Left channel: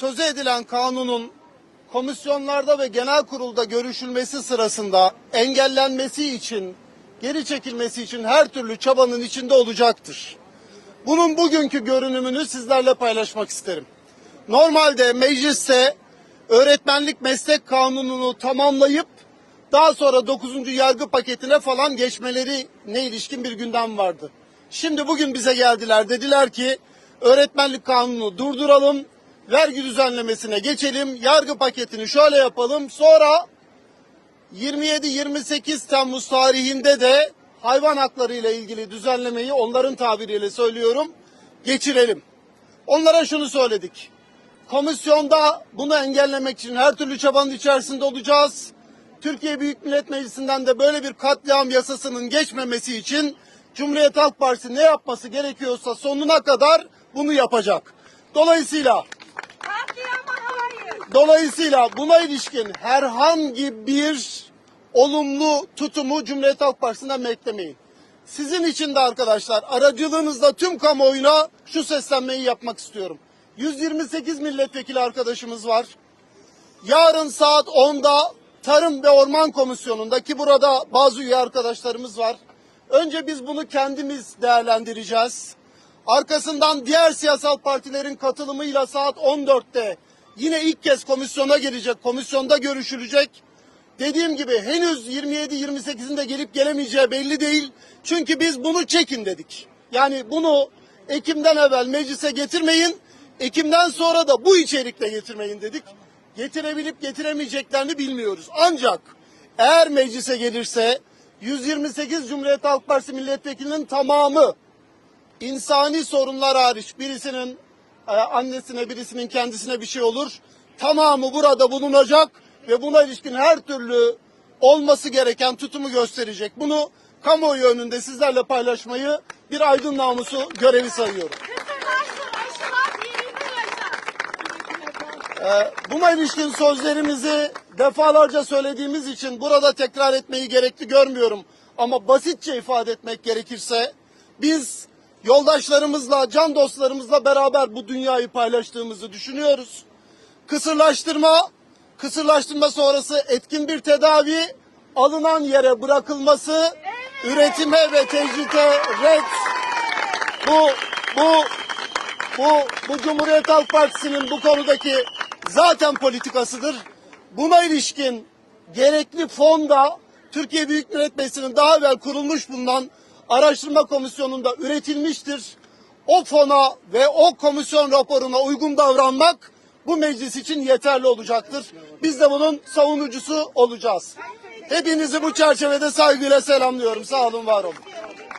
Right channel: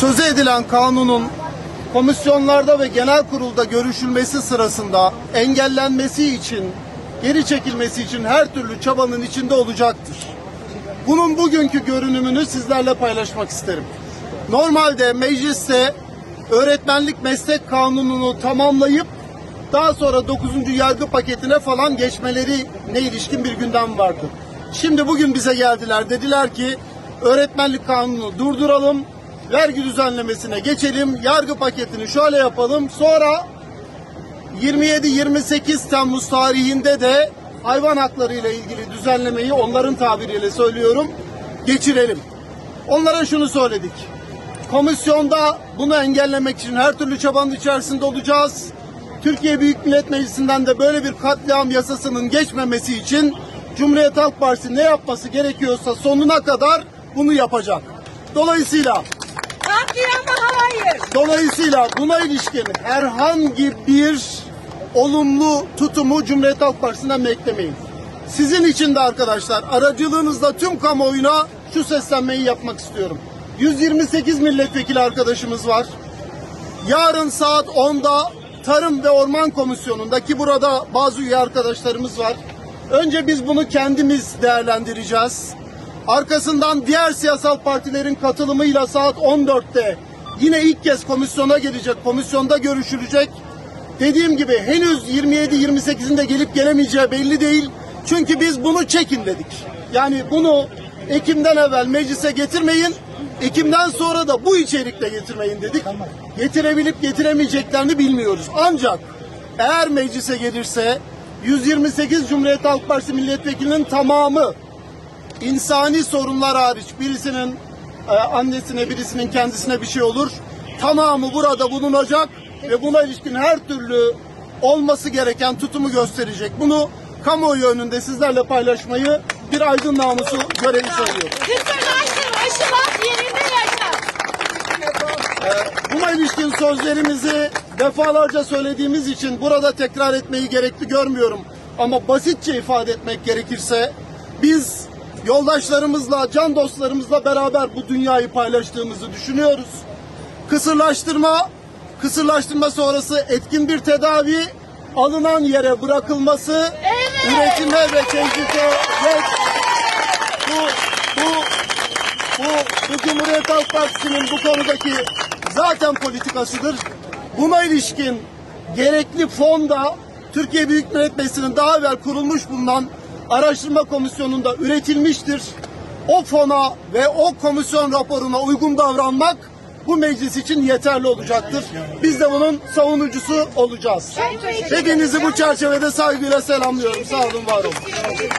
sözü edilen kanunun komisyonlarda ve genel kurulda görüşülmesi sırasında engellenmesi için, geri çekilmesi için her türlü çabanın içinde olacaktır. Bunun bugünkü görünümünü sizlerle paylaşmak isterim. Normalde mecliste öğretmenlik meslek kanununu tamamlayıp daha sonra 9. yargı paketine falan geçmeleri ne ilişkin bir gündem vardı. Şimdi bugün bize geldiler dediler ki öğretmenlik kanununu durduralım, vergi düzenlemesine geçelim, yargı paketini şöyle yapalım sonra 27-28 Temmuz tarihinde de hayvan hakları ile ilgili düzenlemeyi onların tabiriyle söylüyorum geçirelim. Onlara şunu söyledik. Komisyonda bunu engellemek için her türlü çabanın içerisinde olacağız. Türkiye Büyük Millet Meclisi'nden de böyle bir katliam yasasının geçmemesi için Cumhuriyet Halk Partisi ne yapması gerekiyorsa sonuna kadar bunu yapacak. Dolayısıyla. Dolayısıyla buna ilişkin herhangi bir olumlu tutumu Cumhuriyet Halk Partisi'nden beklemeyin. Sizin için de arkadaşlar aracılığınızla tüm kamuoyuna şu seslenmeyi yapmak istiyorum. 128 milletvekili arkadaşımız var. Yarın saat 10'da Tarım ve Orman Komisyonu'nda ki burada bazı üye arkadaşlarımız var. Önce biz bunu kendimiz değerlendireceğiz. Arkasından diğer siyasal partilerin katılımıyla saat 14'te yine ilk kez komisyona gelecek, komisyonda görüşülecek. Dediğim gibi henüz 27-28'inde gelip gelemeyeceği belli değil. Çünkü biz bunu çekin dedik. Yani bunu Ekim'den evvel meclise getirmeyin, Ekim'den sonra da bu içerikte getirmeyin dedik. Getirebilip getiremeyeceklerini bilmiyoruz. Ancak eğer meclise gelirse 128 Cumhuriyet Halk Partisi milletvekilinin tamamı insani sorunlar hariç birisinin annesine birisinin kendisine bir şey olur. Tamamı burada bulunacak ve buna ilişkin her türlü olması gereken tutumu gösterecek. Bunu kamuoyu önünde sizlerle paylaşmayı bir aydın namusu görevi sayıyorum. Kısırlaştır, aşılat yerinde yaşa. Buna ilişkin sözlerimizi defalarca söylediğimiz için burada tekrar etmeyi gerekli görmüyorum. Ama basitçe ifade etmek gerekirse biz yoldaşlarımızla, can dostlarımızla beraber bu dünyayı paylaştığımızı düşünüyoruz. Kısırlaştırma, kısırlaştırma sonrası etkin bir tedavi, alınan yere bırakılması, üretime ve tecrite red bu, bu bu, bu Cumhuriyet Halk Partisi'nin bu konudaki zaten politikasıdır. Buna ilişkin gerekli fonda Türkiye Büyük Millet Meclisi'nin daha evvel kurulmuş bulunan araştırma komisyonunda üretilmiştir. O fona ve o komisyon raporuna uygun davranmak bu meclis için yeterli olacaktır. Biz de bunun savunucusu olacağız. Hepinizi bu çerçevede saygıyla selamlıyorum. Sağ olun, var olun.